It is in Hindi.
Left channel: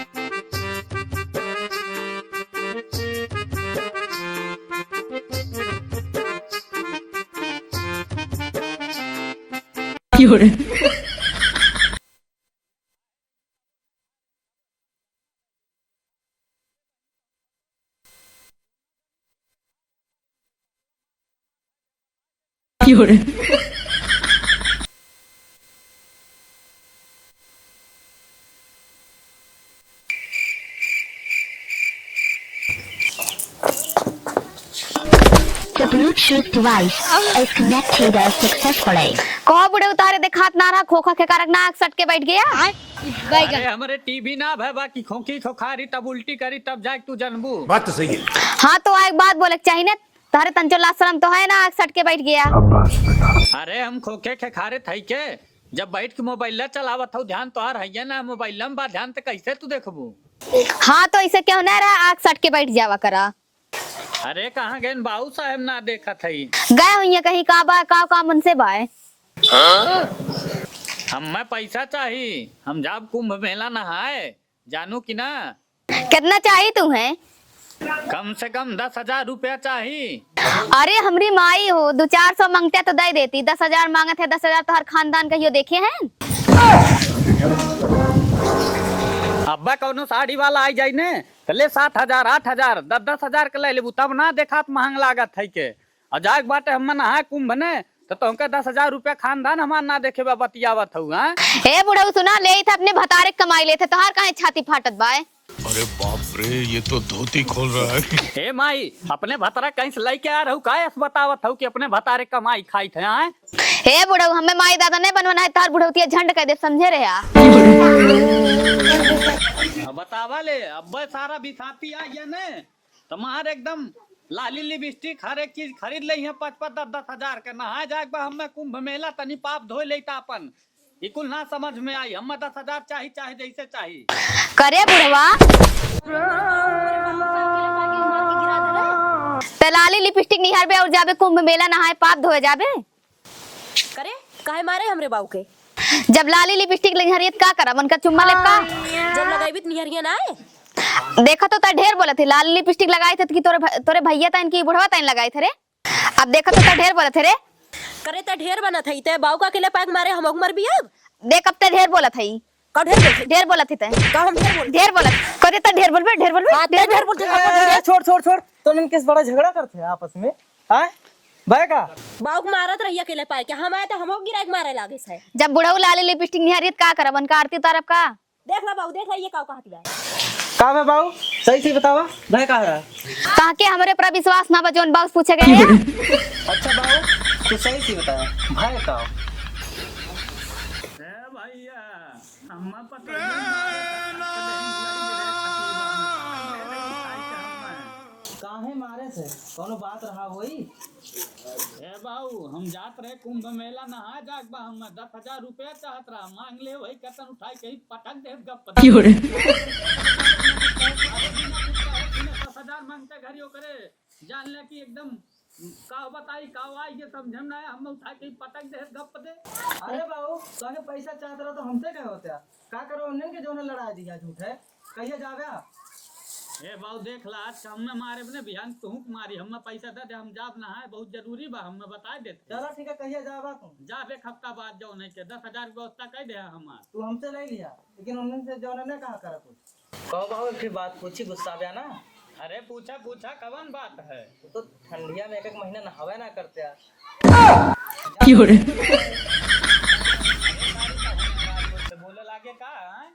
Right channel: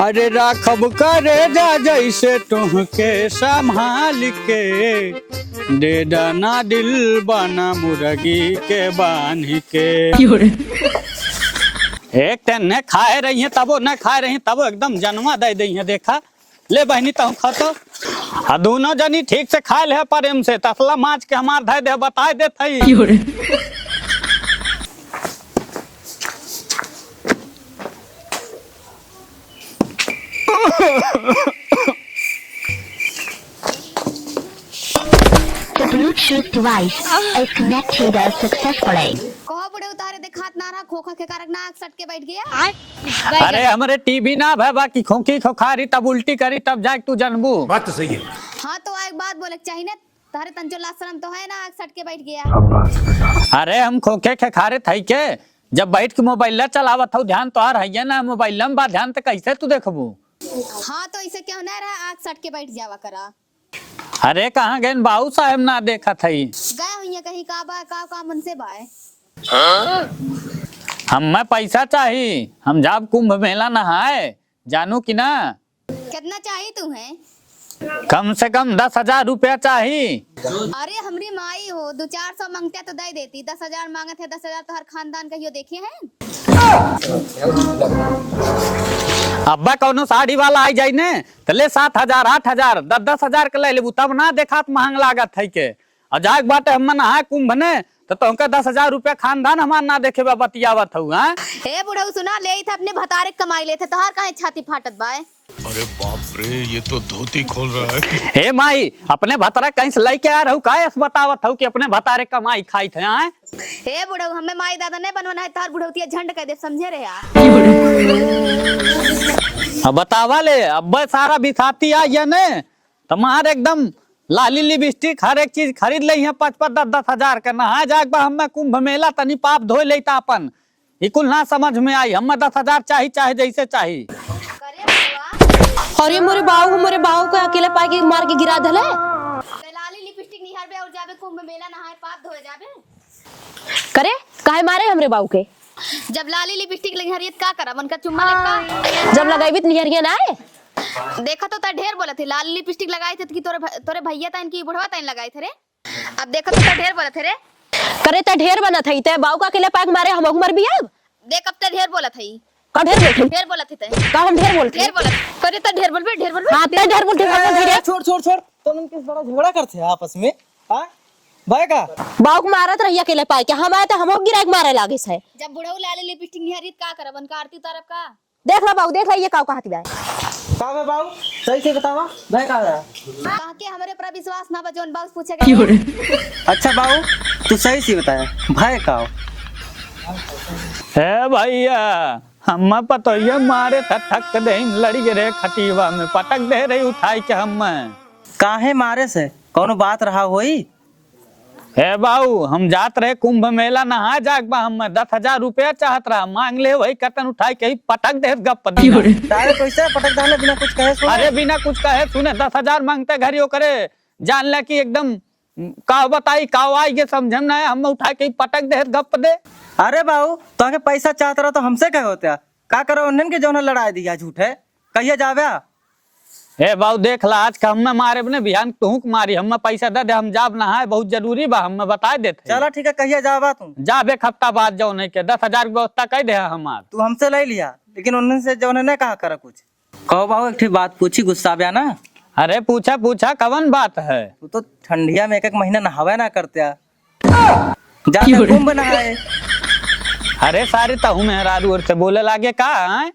अरे राखब करे जा जैसे तुमके संभाल के, दे दाना दिल बना मुर्गी के बांध के। एक टन ने खाए रही है तबो न खाए रही तबो एकदम जन्मा दे दी है। देखा ले बहनी तू खा तो दोनों जनी ठीक से खाए ले प्रेम से तसला माच के हमार धै दे बताए दे थई। The Bluetooth device is connected successfully. कहो बुढ़े उतारे देखात ना रहा खोखा के कारक नाक सट के बैठ गया। अरे हमारे टीवी ना भाई बाकी खोखी खोखारी तब उल्टी करी तब जाके तू जनबू। बात तो सही है। हाँ तो एक बात बोले चाहिए ना तारे तंचो लाशरम तो है ना सट के बैठ गया। अरे हम खोखे के खारे थई के जब बैठ के मोबाइल चलावत हो ध्यान तो आ रही है ना मोबाइल में बा ध्यान तो कैसे तू देखबू। हाँ तो इसे क्यों ना रहा आग सट के बैठ जावा करा। अरे कहाँ गए बाबू साहब ना देखा थई गए हुई कहीं का मन से बाय। हमें पैसा चाहिए हम जाब कुंभ मेला नहाए जानू कि ना। कितना चाहिए तुम्हें? कम से कम 10,000 रुपया चाहिए। अरे हमारी माई हो 200-400 मांगते तो दे देती 10,000 मांगे थे 10,000 तो हर खानदान कहियो देखे हैं। अब्बा कौनो साड़ी वाला आई जाई ने तो ले 7,000 8,000 10,000 के ले लेबू तब ना देखात महंग लागत है के। अजाक बाटे हम नहा कुंभ ने तो तुमका 10,000 रुपया खानदान हमार ना देखे बा बतियावत हूँ। ए बुढ़ऊ सुना ले थे अपने भतारे कमाई लेते तो हर कहीं छाती फाटत बाय। अरे बाप रे ये तो धोती खोल रहा है। हे माई अपने भतारे कहीं से लेके आ रहा हूँ काय बतावत हूँ कि अपने भतारे कमाई खाई थे। हे बुढ़ऊ हमें माई दादा नहीं बनवाना है तार बुढ़ऊतिया झंड कह दे समझे रहे यार। अब बतावा ले अब सारा बिसाती आ या ने तुम्हारे एकदम लाली लिपस्टिक हर एक चीज खरीद ली है 5-5 10,000 के नहा जाक हमें कुंभ मेला तनी पाप धोई लेता अपन कुल ना समझ में आई हमें 10,000 चाहिए चाहे जैसे चाहिए करे बुढ़वा। और ये मोरे बाहू को अकेले पाए के मार के गिरा दले ते लाली लिपस्टिक निहार बे और जाबे कुंभ मेला नहाए पाप धोए जाबे। करे काहे मारे हमरे बाहू के जब लाली लिपस्टिक निहारियत का करब उनका चुम्मा लेता जब लगाई भी निहरिया ना आए। देखा तो ता ढेर बोले थे लाली लिपस्टिक लगाई थे कि तोरे भैया ता इनकी बुढ़वा ता इन लगाई थे रे। अब देखा तो ता ढेर बोले थे रे। करे ते ढेर बना थई ते बाहू का अकेले पाए के मारे हम मर भी अब देख अब ता ढेर बोला थई का ढेर बोला थे का हम ढेर बोला करे ता ढेर बोलबे हां ते ढेर बोल छोड़ तो इनके बड़ा झगड़ा करते हैं आपस में। हां भाई का बाहू मारत रही अकेले पाए के हम आए तो हम गिरा के मारे लागे से। जब बुढ़ऊ लाली लिपस्टिक निहारियत का करब उनका आरती तारब का। देख ला बाहू देख ला ये का कहती है का है बाबू सही से बतावा भाई का है ताकि हमारे पर विश्वास ना बजोन बाबू पूछे गए। अच्छा बाबू तू सही से बताया भाई का है भैया हम पतोया मारे ठक दे लड़ी रे खटीवा में पटक दे रही उठाई के हम काहे मारे से कोनो बात रहा होई। हे बाबू हम जात रहे कुंभ मेला नहा जाक बा हम 10,000 रुपया चाहत रहा मांग ले वही कतन उठाई के पटक दे गप तारे पैसा पटक डाले बिना कुछ कहे सुने। अरे बिना कुछ कहे तूने 10,000 मांगते घरियो करे जान ले कि एकदम का बताई का आई के समझम ना हम उठा के पटक दे गप दे। अरे बाबू तो के पैसा चाहत रहा तो हमसे कहे होते का करो उन्हन के जौन लड़ाई दिया झूठे कहिए जावे। ए बाबू देख ला आज का हमें मारे बने बिहान टूक मारी हमें पैसा दे दे हम जाब नहाए बहुत जरूरी बा हमें बता देते। चलो ठीक है कहिए जावा तू जाब एक हफ्ता बाद जाओ नहीं के 10,000 की व्यवस्था कर दे हमार तू हमसे ले लिया लेकिन उन्हन से जौन ने कहा करा कुछ कहो बाबू एक बात पूछी गुस्सा बया ना। अरे पूछा कवन बात है। तू तो ठंडिया में एक महीना नहावे ना करते जा कुंभ नहाए। अरे सारे तहु मेहरारू और से बोले लागे का है?